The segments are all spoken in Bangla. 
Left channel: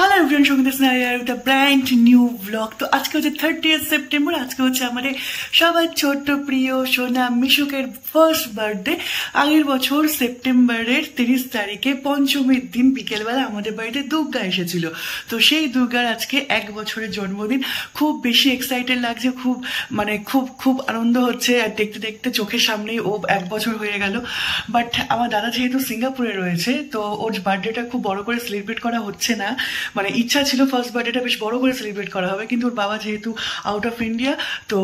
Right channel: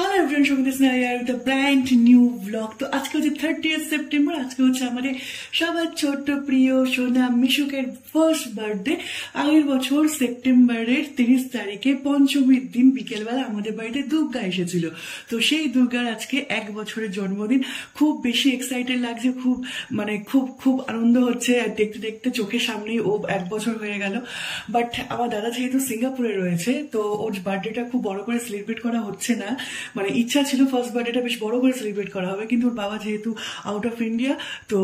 হ্যালো এভরিওয়ান, সঙ্গীত স্নাইয়ার with a brand new blog. তো আজকে হচ্ছে 30 সেপ্টেম্বর। আজকে হচ্ছে আমাদের সবার ছোট্ট প্রিয় সোনা মিশুকের ফার্স্ট বার্থডে। আগের বছর সেপ্টেম্বরের 30 তারিখে পঞ্চমীর দিন বিকেলবেলা আমাদের বাড়িতে দুর্গা এসেছিল। তো সেই দুর্গার আজকে 1 বছরের জন্মদিন। খুব বেশি এক্সাইটেড লাগছে, খুব আনন্দ হচ্ছে। আর দেখতে দেখতে চোখের সামনেই ও 1 বছর হয়ে গেল। বাট আমার দাদা যেহেতু সিঙ্গাপুরে রয়েছে, তো ওর বার্থডেটা খুব বড় করে সেলিব্রেট করা হচ্ছে না। ইচ্ছা ছিল ফার্স্ট বার্থডেটা বেশ বড় করে সেলিব্রেট করা হবে, কিন্তু ওর বাবা যেহেতু আউট অফ ইন্ডিয়া, তো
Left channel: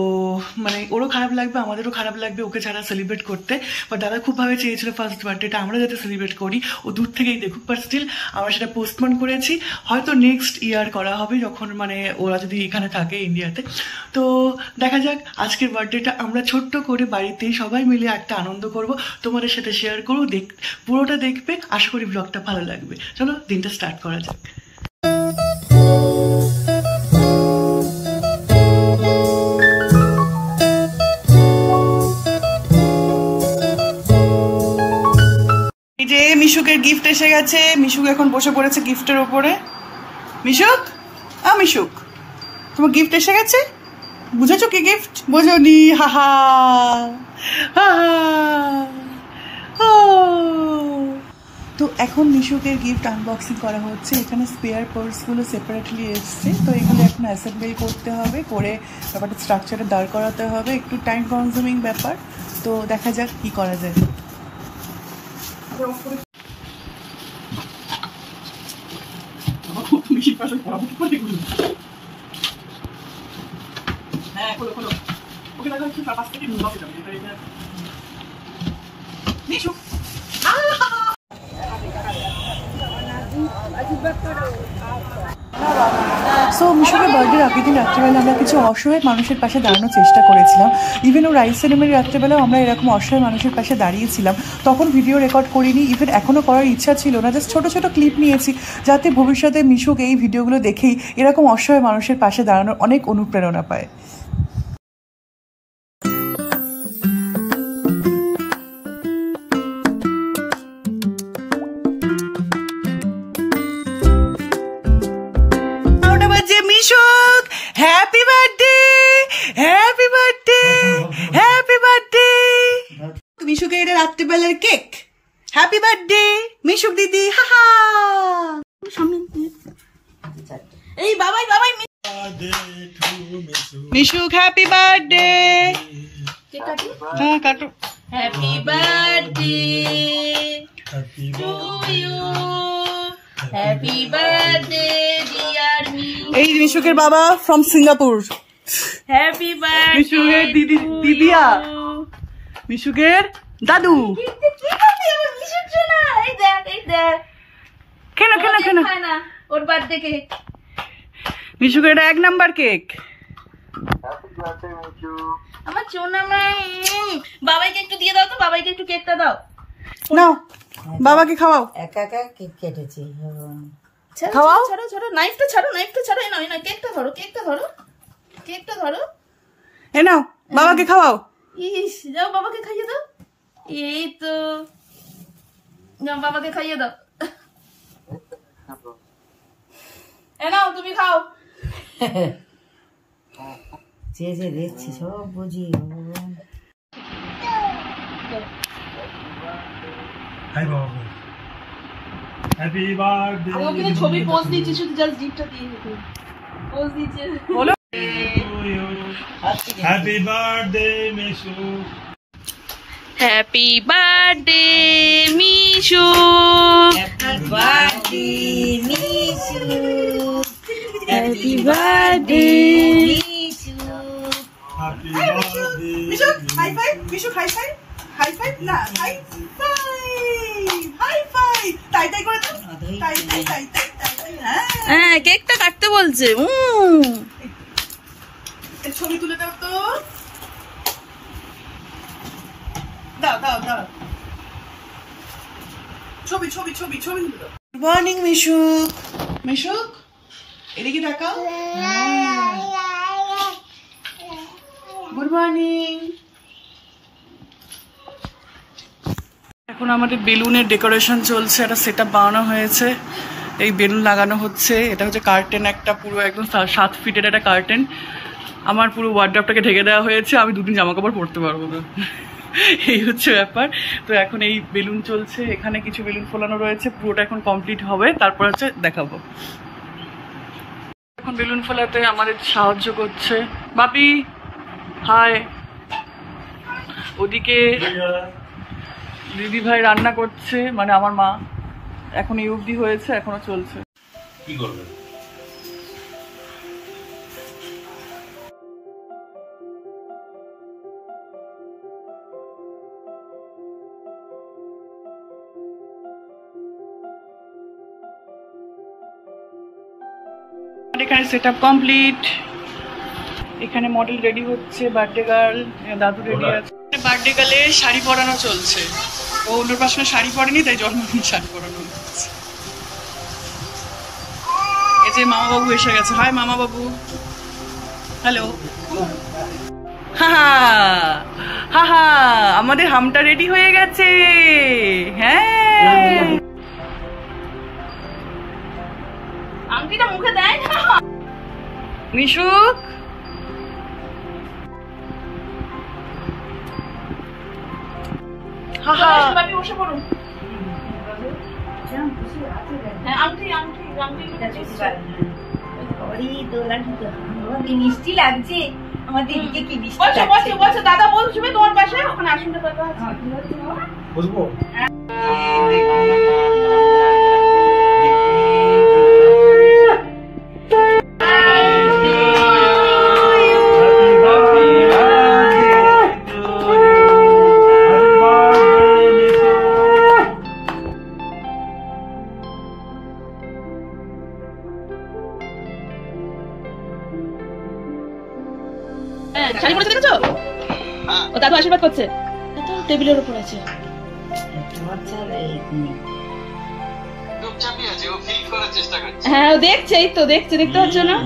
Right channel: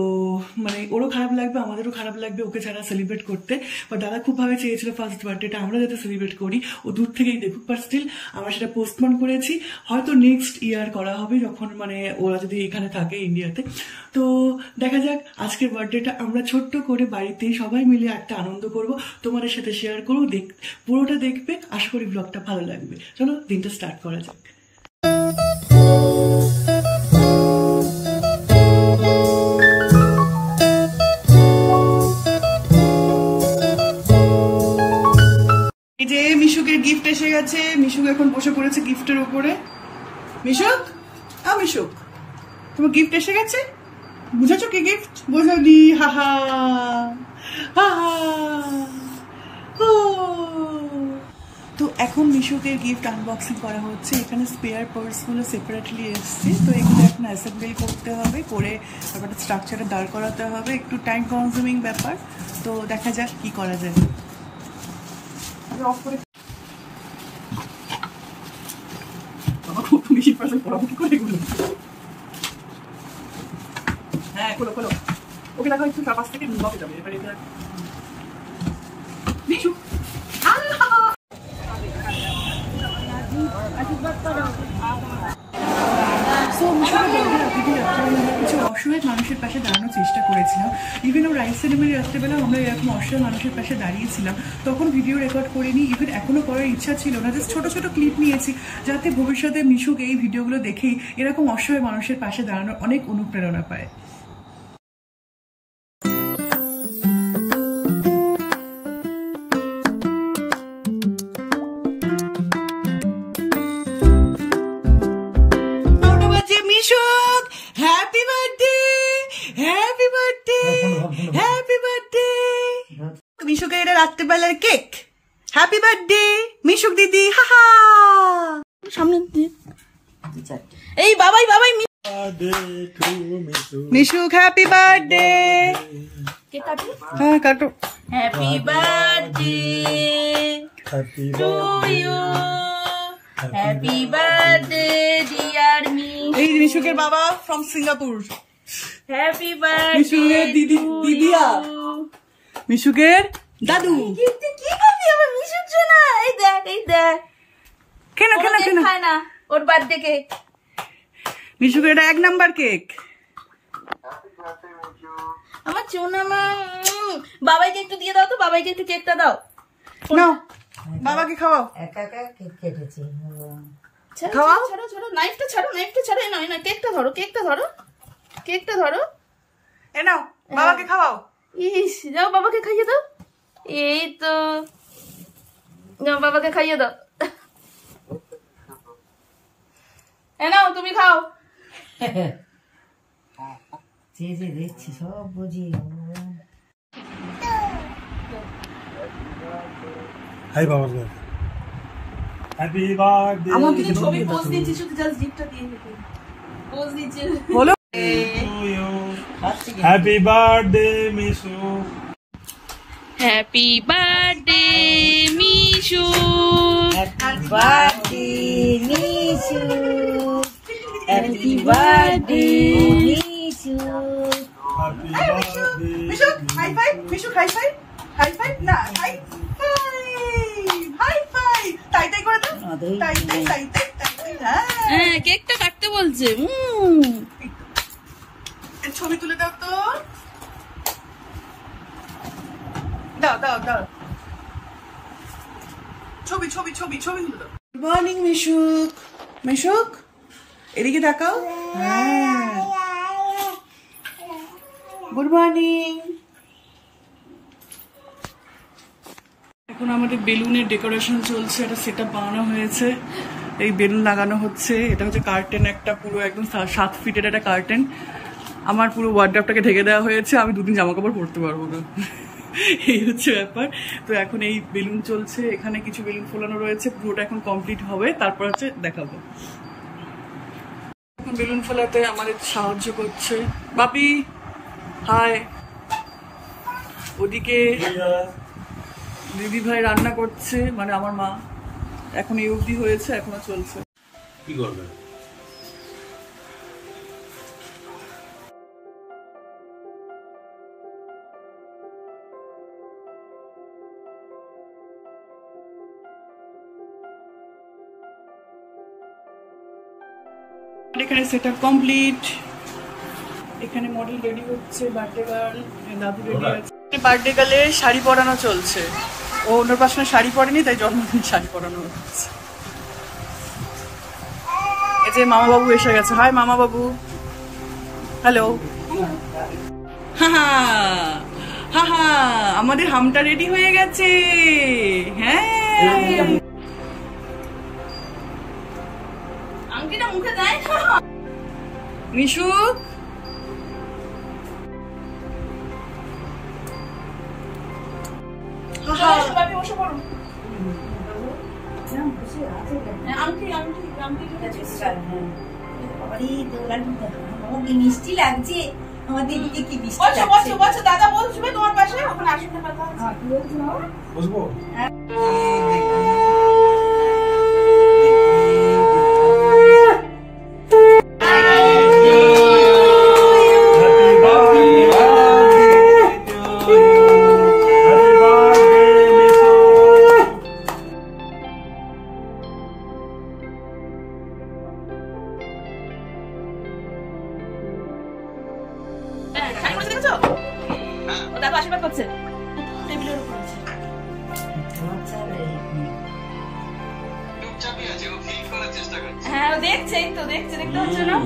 ওরও খারাপ লাগবে, আমাদেরও খারাপ লাগবে ওকে ছাড়া সেলিব্রেট করতে। বাট দাদা খুবভাবে চেয়েছিল ফার্স্ট বার্থডেটা আমরা যাতে সেলিব্রেট করি, ও দূর থেকেই দেখুক। বাট স্টিল আমরা সেটা পোস্টপোন করেছি, হয়তো নেক্সট ইয়ার করা হবে, যখন ওরা যদি এখানে থাকে ইন্ডিয়াতে। তো দেখা যাক, আজকের বার্থডেটা আমরা ছোট্ট করে বাড়িতেই সবাই মিলে একটা আনন্দ করব, তোমাদের সাথে শেয়ার করবো। পুরোটা দেখবে, আশা করি ব্লগটা ভালো লাগবে। চলো দিনটা স্টার্ট করা যাক। এই যে মিশুকের গিফট এসে গেছে। মিশুক এখন বসে পড়েছে গিফটের উপরে। মিশুক, মিশুক, তোমার গিফট এসে গেছে। বুঝেছো কি গিফট? বোঝনি? হাহা হাহা। তো এখন মিশুকের গিফট আনবক্সিং করা হচ্ছে। এখানে স্পেয়ার পার্টসগুলো সেপারেটলি এসছে, তো এগুলো এখন অ্যাসেম্বল করতে হবে, করে ব্যাপারটা স্ট্রাকচারে দাঁড় করাতে হবে। একটু টাইম কনজিউমিং ব্যাপার, তো দেখা যাক কি করা যায়। হ্যাঁ, খোলো খোলো, ওকে দেখা একটু পাশ থেকে ঢুকে যাবে। এবারে মিশু সো মিশুকের বার্থডে আগের দিন রাত্রেবেলা আমরা কিছু অসহায় মানুষের পাশে দাঁড়ানোর চেষ্টা করেছিলাম। ইভেন ও রাইস সেরেমনি রাত্রেবেলাও আমরা এরকম অসহায় মানুষের পাশে দাঁড়িয়েছিলাম। তখন ভিডিও রেকর্ড করিনি, ইভেন এখনও করার ইচ্ছা ছিল না, জাস্ট ছোটো ছোটো ক্লিপ নিয়েছি, যাতে ভবিষ্যতে মিশুক এই ভিডিওগুলো দেখেই এরকম অসহায় মানুষের পাশে দাঁড়ানোর অনেক অনুপ্রেরণা পায়। Mishuk, happy birthday, happy birthday, happy birthday. মিশুকের এটা রাত্রিবেলার কেক। হ্যাপি বার্থডে মিশুক দিদি, হাহা। সামনে এই বাবাই বাবাই। Mishuk happy birthday. হ্যাঁ কাটো। Happy birthday to you, happy birthday dear me. এই মিশুকের বাবা ফ্রম সিঙ্গাপুর। হ্যাপি বার্থডে মিশুকের দিদি, দিদিয়া মিশুকের দাদু। কি করবি আমার মিশুর জন্য? এই দেখ, এই দেখ। কেন কেন কেন খায় না ওর বার্থডে কেক? মিশুকের এটা 1 নাম্বার কেক। আমার সোনা মে, বাবাইকে একটু দিয়ে দাও তো, বাবাইকে একটু কেকটা দাও। নাও বাবাকে খাওয়াও। একা একা কেক কেটেছি। খাওয়াও। ছাড়ো ছাড়ো, নাইফটা ছাড়ো, নাইফটা ছাড়ো। এই নাও, এই নাও, কেকটা ধরো, কেকটা ধরো, কেকটা ধরো। এ নাও বাবাকে খাওয়াও। ইস, যাও বাবাকে খাইয়ে দাও। এই তো, যাও বাবাকে খাইয়ে দাও। এ নাও তুমি খাও। যে যে দেখছি সব বুঝি। হাই বাবা, হ্যাপি বার্থডে। আমাকে ছবি পোস্ট দিচ্ছি, শুধু জাস্ট গিফটটা দিয়ে দিতে পোস্ট দিচ্ছি। বলো happy birthday Mishu, happy birthday Mishu, happy birthday Mishu, happy birthday Mishu, happy birthday Mishu. High five Mishu, high five, high five না, হাই ফাইভ, হাই ফাইভ। তাই তাই করে দাও, তাই তাই তাই তাই তাই। হ্যাঁ, কেকটা কাটতে বলছে। ছবি তুলে দাও তো, দাও দাও দাও, ছবি ছবি ছবি ছবি তুলে দাও। গুড মর্নিং মিশুক। মিশুক এদিকে তাকাও। Good morning. এখন আমাদের বেলুনের ডেকোরেশন চলছে, একটা সেটআপ বানানো হয়েছে। এই বেলুন লাগানো হচ্ছে। এটা হচ্ছে কার্টেন, একটা পুরো একদম 7 ফিটের একটা কার্টেন। আমার পুরো ওয়ার্ড্রপটাকে ঢেকে দেওয়া হয়েছে, আমি 2 দিন জামা কাপড় পরতে পারবো না, এই হচ্ছে ব্যাপার। তো এখন এই বেলুন চলছে, এখানে কিছু বেলুন ফোলানো রয়েছে, পুরোটা এখন কমপ্লিট হবে, তারপর হচ্ছে দেখাবো। এখন বেলুন ফোলাতে আমাদের সাহায্য করছে বাপি, হাই। ওদিকে দিদি ভাই রান্না করছে, মানে আমার মা। এখন এই অবধি হয়েছে, এখনো চলছে। কি করবে? এখানে সেট আপ কমপ্লিট। এখানে মডেল রেডি হচ্ছে, বার্থডে গার্ল, দাদু রেডি আছে। বার্থডে গার্লের শাড়ি পরানো চলছে। ও অন্নপ্রাশনে শাড়ি পরেনি, তাই জন্মদিনে শাড়ি পরানো হচ্ছে। এই যে মামা বাবু এসে গেছে। হাই মামা বাবু, হ্যালো। হা হা, আমাদের হামটা রেডি হয়ে গেছে। হ্যাঁ, আংটিটা মুখে দেয় না মিশুক। বসে পড়ো। মিষ্টি লাগছে আমার দিদিকে, কি মিষ্টি লাগছে। দাদা বলবে তোমার পাশে, ওখানে আসলে কথা আছে। বুঝবো শাড়ি পরে দেখেছো? ও দাদু আশীর্বাদ করছে, টেবিলের উপর আছে। হ্যাঁ ও দেখছে, এই তো দেখছে, দেখতে পাচ্ছ না?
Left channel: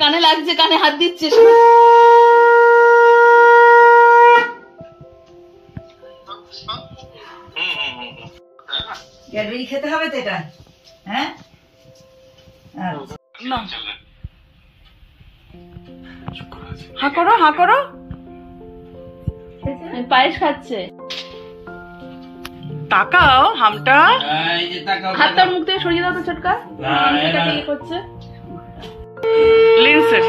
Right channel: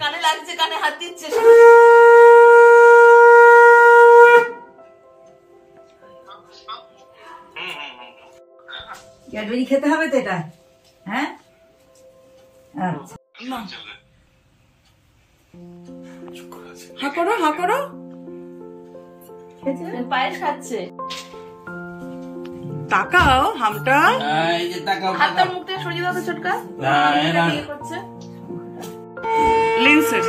কানে লাগছে, কানে হাত দিচ্ছে। ক্যাডবেরি খেতে হবে তো এটা? হ্যাঁ, হা করো, হা করো। পায়েস খাচ্ছে। তাকাও হামটা, হাতটা মুখ থেকে সরিয়ে দাও তো ছোটকা। করছে লেন্সের।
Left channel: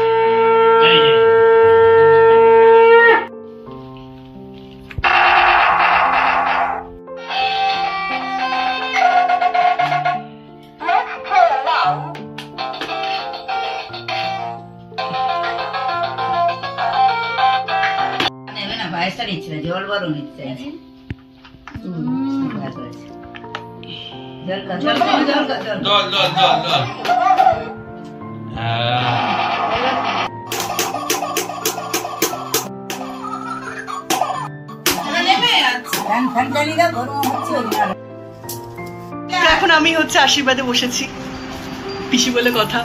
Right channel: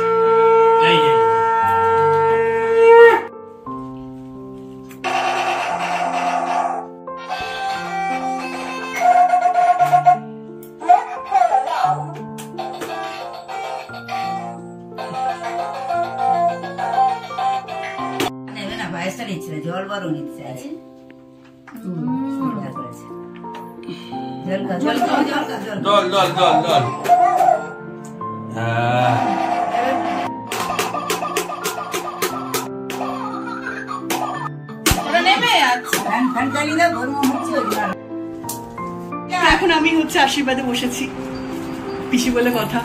পায়েসটা নিচ্ছে না, জল বড় নিচ্ছে। এখন আমি হচ্ছে আশীর্বাদে বসেছি, পিসি বলে কথা।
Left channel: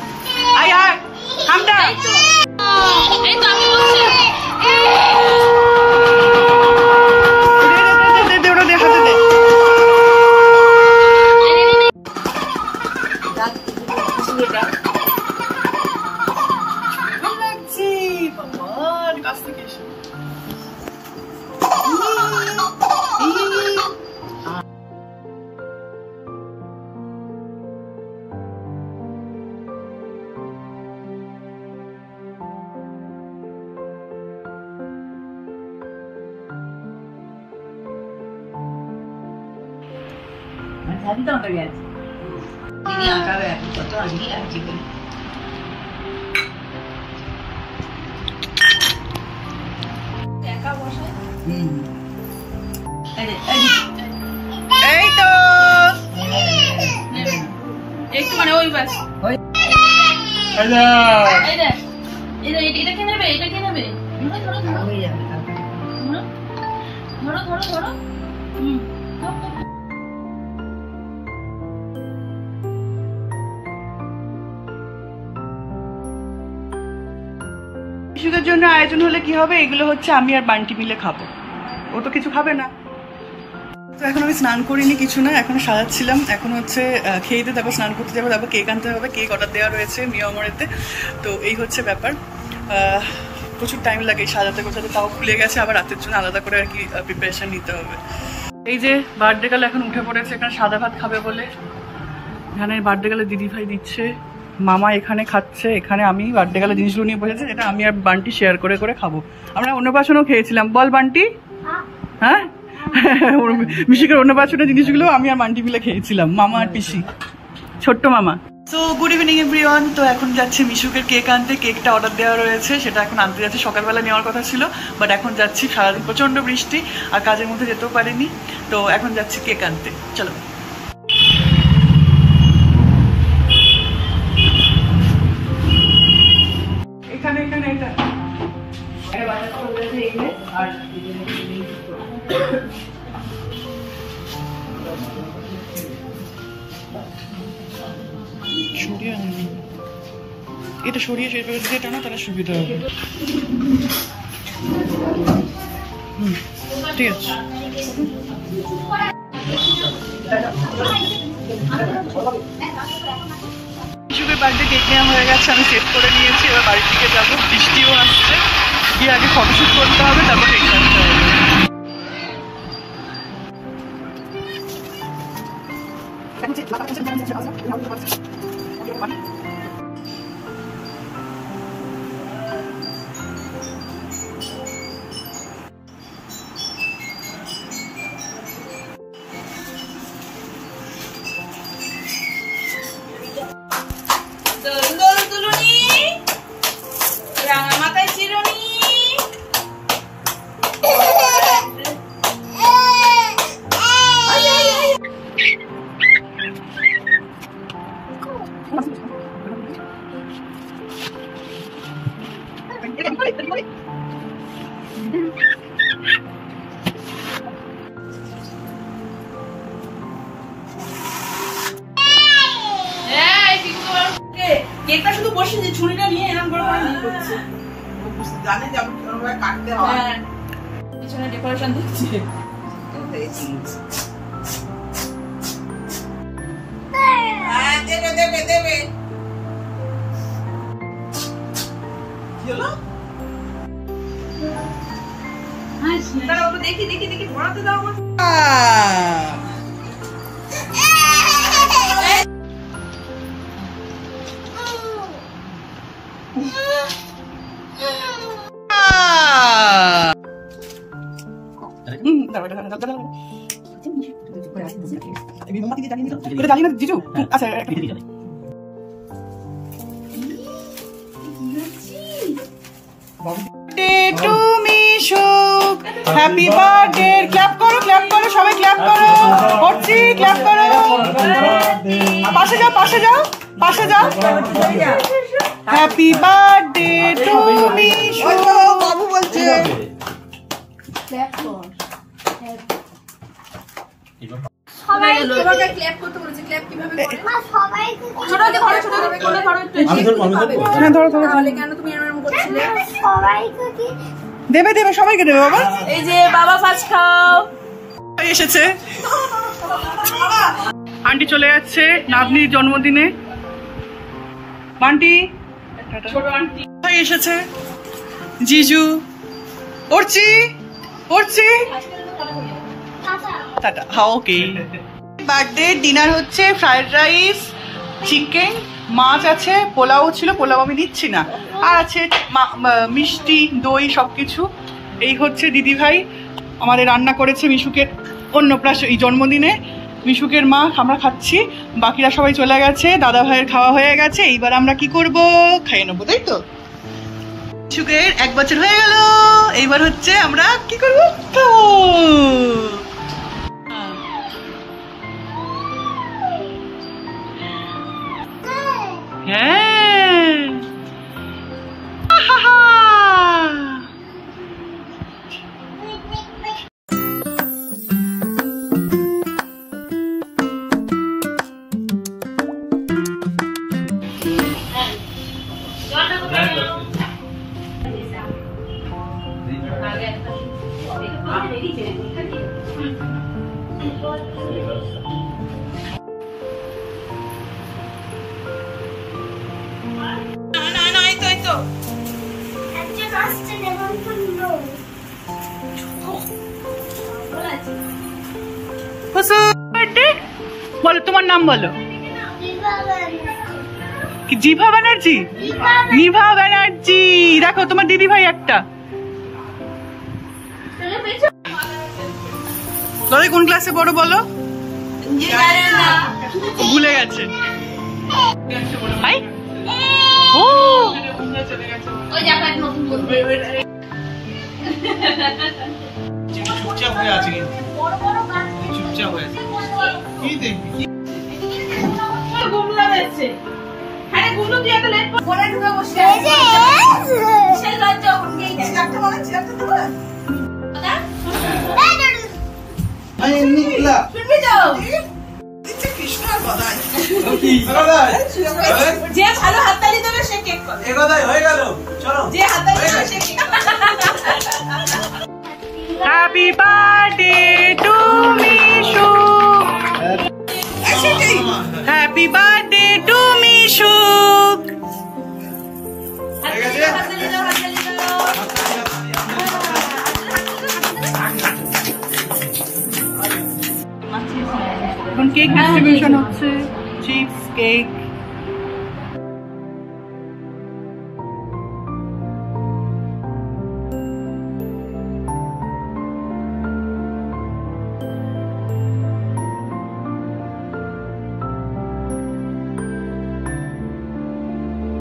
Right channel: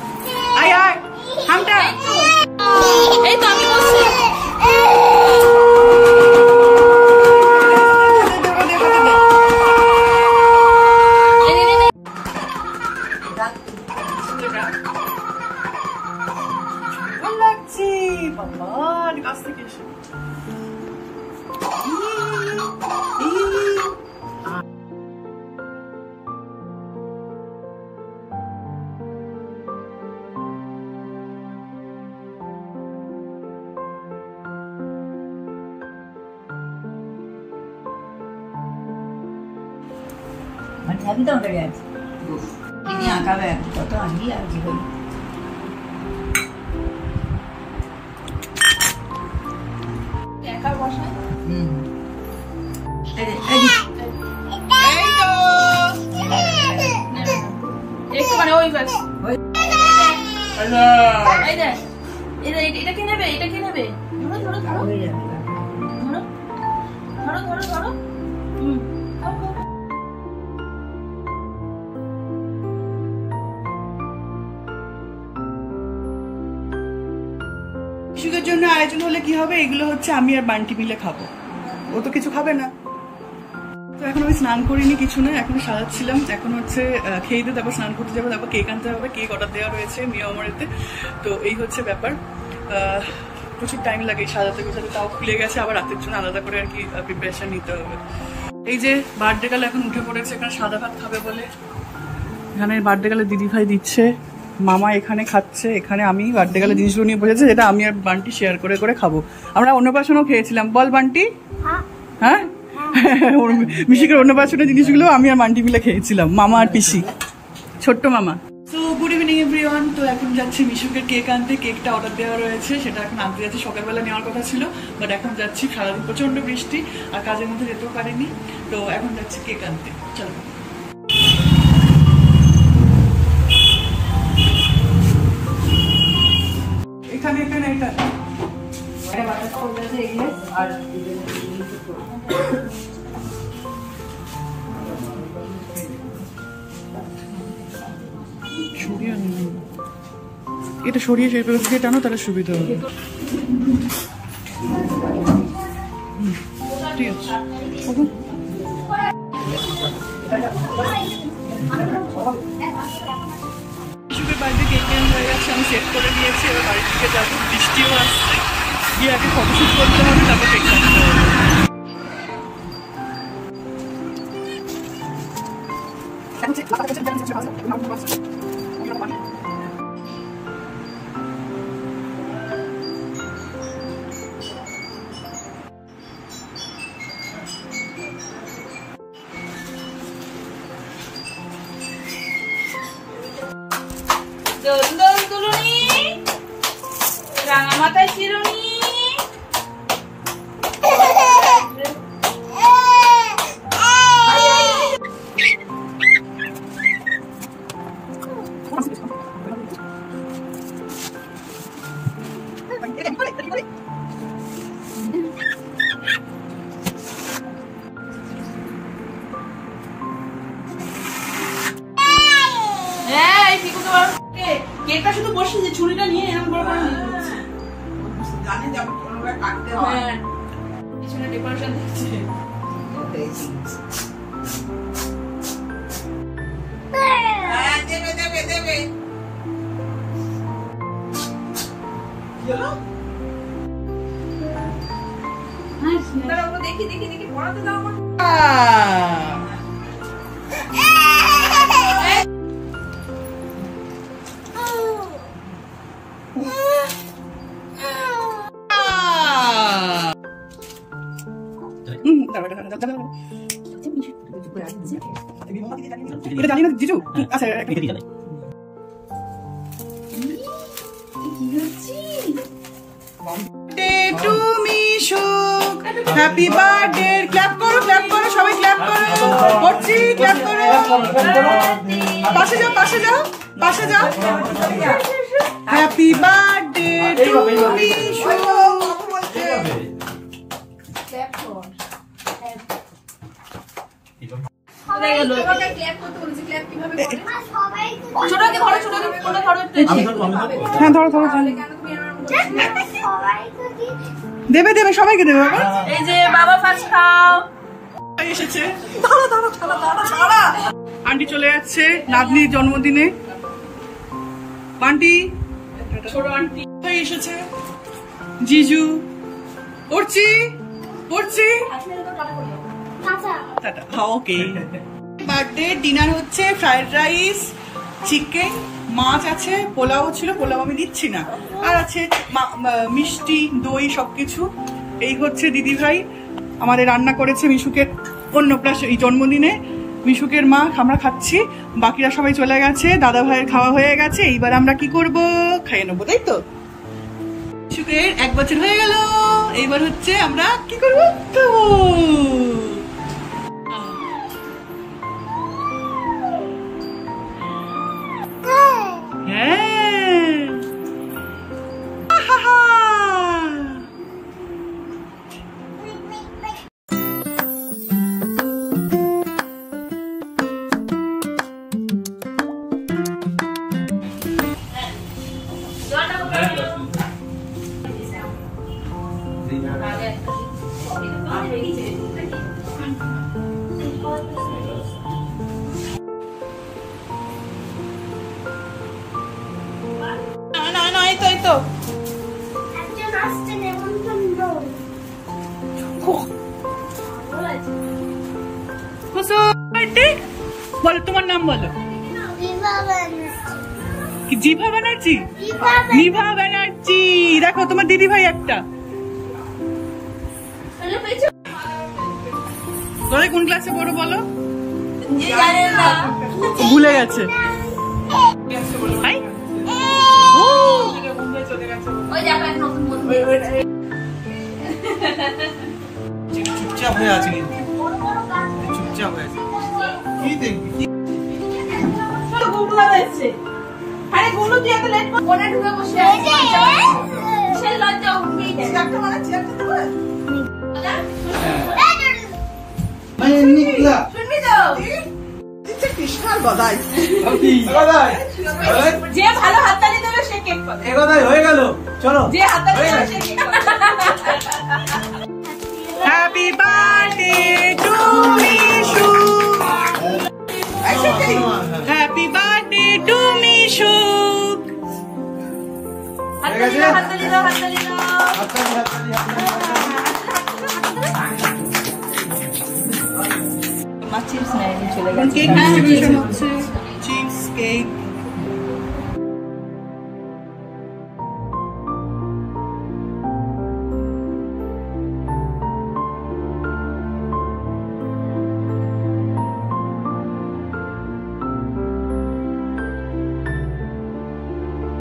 আয় আয় হামটা, এই তো আমি বসছি। আমি তো আঁকা গেছি, তিনি আঁকাবে, কত আঁকি আর জীবনে। একা বসে। এই তো একটু মানে ওই ব্যাস। এই দেখ, এটা কে নেবে, এটা কে নেবে? হয়ে যাবে তারপরে। ধরো ধরো ধরো। মিশুকের জন্য আয়োজন হলে কি হবে, এগুলো হচ্ছে আমি আর বান্টি মিলে খাবো, ও তো কিছু খাবে না। তো এখন আমি স্নান করিনি, কিছু না, এখন সাজাচ্ছিলাম। এখন হচ্ছে খেয়ে দিয়ে তারপর স্নান করতে যাবো, তারপর কেক আনতে হবে, কেক অর্ডার দেওয়া রয়েছে মিয়া অমরেতে। তো এই হচ্ছে ব্যাপার, প্রচুর টাইম লাগে সাজাতে গোছাতে, তাও খুলে গেছে, আবার রাতের জন্য আলাদা করে আর কি প্রিপারেশন নিতে হবে। এই যে বার্থডে গালে এখন উঠে পড়েছে, এখানে সাদা ভাত খাবে বলে। এখানে বার্থডে গালে দিদি ভাই দিচ্ছে, মামা এখানে খাচ্ছে, এখানে আমি বার্থডে গালে জিনিসগুলো নিয়ে বসেছে, যেটা আমি আর বান্টি শেয়ার করে করে খাবো। আমরা অন্নপ্রাশনও খেয়েছিলাম, বল বান্টি? হ্যাঁ, মিশুকের অন্নপ্রাশনের জিনিসগুলো আমি আর বান্টি মিলে খেয়েছিলাম, মামা আর পিসি, ছোট্ট মামা। তো গুড ইভিনিং এভরিওয়ান। তো এখন যাচ্ছি মিশুকের কেক আনতে, কেকটা অর্ডার দেওয়া রয়েছে, সেটা এখন আনতে যাচ্ছি। সকালবেলা নেওয়ার কথা ছিল, বাট এখন যাচ্ছি, সারাদিন প্রচন্ড বৃষ্টি আর কাজের মধ্যে যেতেও পারিনি, তো এখন যাচ্ছি কেক আনতে। চলো। এখানে এখানে এটা বাটার করবে এগলেস আর সরিয়ে আনি, এটা সরিয়ে সেই দিয়ে টানো, তাহলে সুবিধা হবে। ঠিক আছে। মিশুকের বাড়িতে কেক নেওয়া হয়ে গেছে, আমি সেট করে নিয়েছি, এবার বাড়ির দিকে যাবো, বৃষ্টিও আসছে, গিয়ে আগে ফটোশুট করতে হবে, তারপর কেক কাটতে হবে। দুলুনি রাঙা মাথায় চিরুনি। কেকটা শুধু বসেছি, ছুরিটা নিয়ে এরকম বড় করে নিয়ে করছে, জানে যে আমি কোনোভাবে কাটতে হয়। হ্যাঁ, পিছনে ডেকোরেশন দেখছে। হ্যাঁ, দেবে দেবে দেবে। দেখি দেখি দেখি পড়াতে দাও। এটা জানি না জিজু। আচ্ছা, টু মিশুক, হ্যাপি বার্থডে। ক্ল্যাপ করো, ক্ল্যাপ করো, সবাই ক্ল্যাপ করো। করছি, ক্ল্যাপ করো। পাশে যাও, পাশে যাও, পাশে যাও। হ্যাপি বার্থডে টু মিশুক। বাবু বলছে হ্যাঁ, ধরো ধরো, দেবে দেবে, সবাইকে দেবে বাবা। এই যে বাবা ফার্স্ট খাও। এসেছে, আন্টি চলে যাচ্ছে নাতনির জন্মদিনে। বান্টি ছোট আন্টি এসেছে, জিজু, পড়ছি পড়ছি, টাটা। হ্যাঁ, ওকে। বার্থডে ডিনার হচ্ছে ফ্রাইড রাইস, চিকেন, মাছ আছে, পোলাও ছিল, পোলাও আমি দিচ্ছি না, আর আছে মিষ্টি, দই, সবকিছু। এই হচ্ছে দিদি ভাই আমাদের রান্না করেছে মিশুকের অন্নপ্রাশন, এই জন্মদিনে মিশুকের মা। আমরা খাচ্ছি, বাকিরা সবাই চলে গেছে, দাদা ভাইয়ের খাওয়া হয়ে গেছে। এইবার আমরা কি করব, খাইয়ে নেবো, তাই তো। মিশুকের 1 বছর হয়ে গেল, এইবার হচ্ছে আমরা কি করবো, হ্যাঁ, বলো তোমার নাম বলো। জিভা ব্যানার্জি, নিভা ব্যানার্জি। দেখো তোমার দিদি ভাই একটা। লড়াই কোন ক্লাসে পড়ো বলো? ভুলে গেছে। ও চুপচাপ হয়ে আছে, চুপচাপ হয়ে আছে। কি দেখবি? যে ভালো হাততালি দেবে সে কেক পাবে। হয়ে গেল, চলো। যে হাততালি দেবে সে কেক পাবে। Happy birthday two Mishu, happy birthday two Mishu. হাততালি দাও, হাততালি দাও, হাততালি দাও। এখন কেক ডিস্ট্রিবিউশন হচ্ছে, চিপস কেক।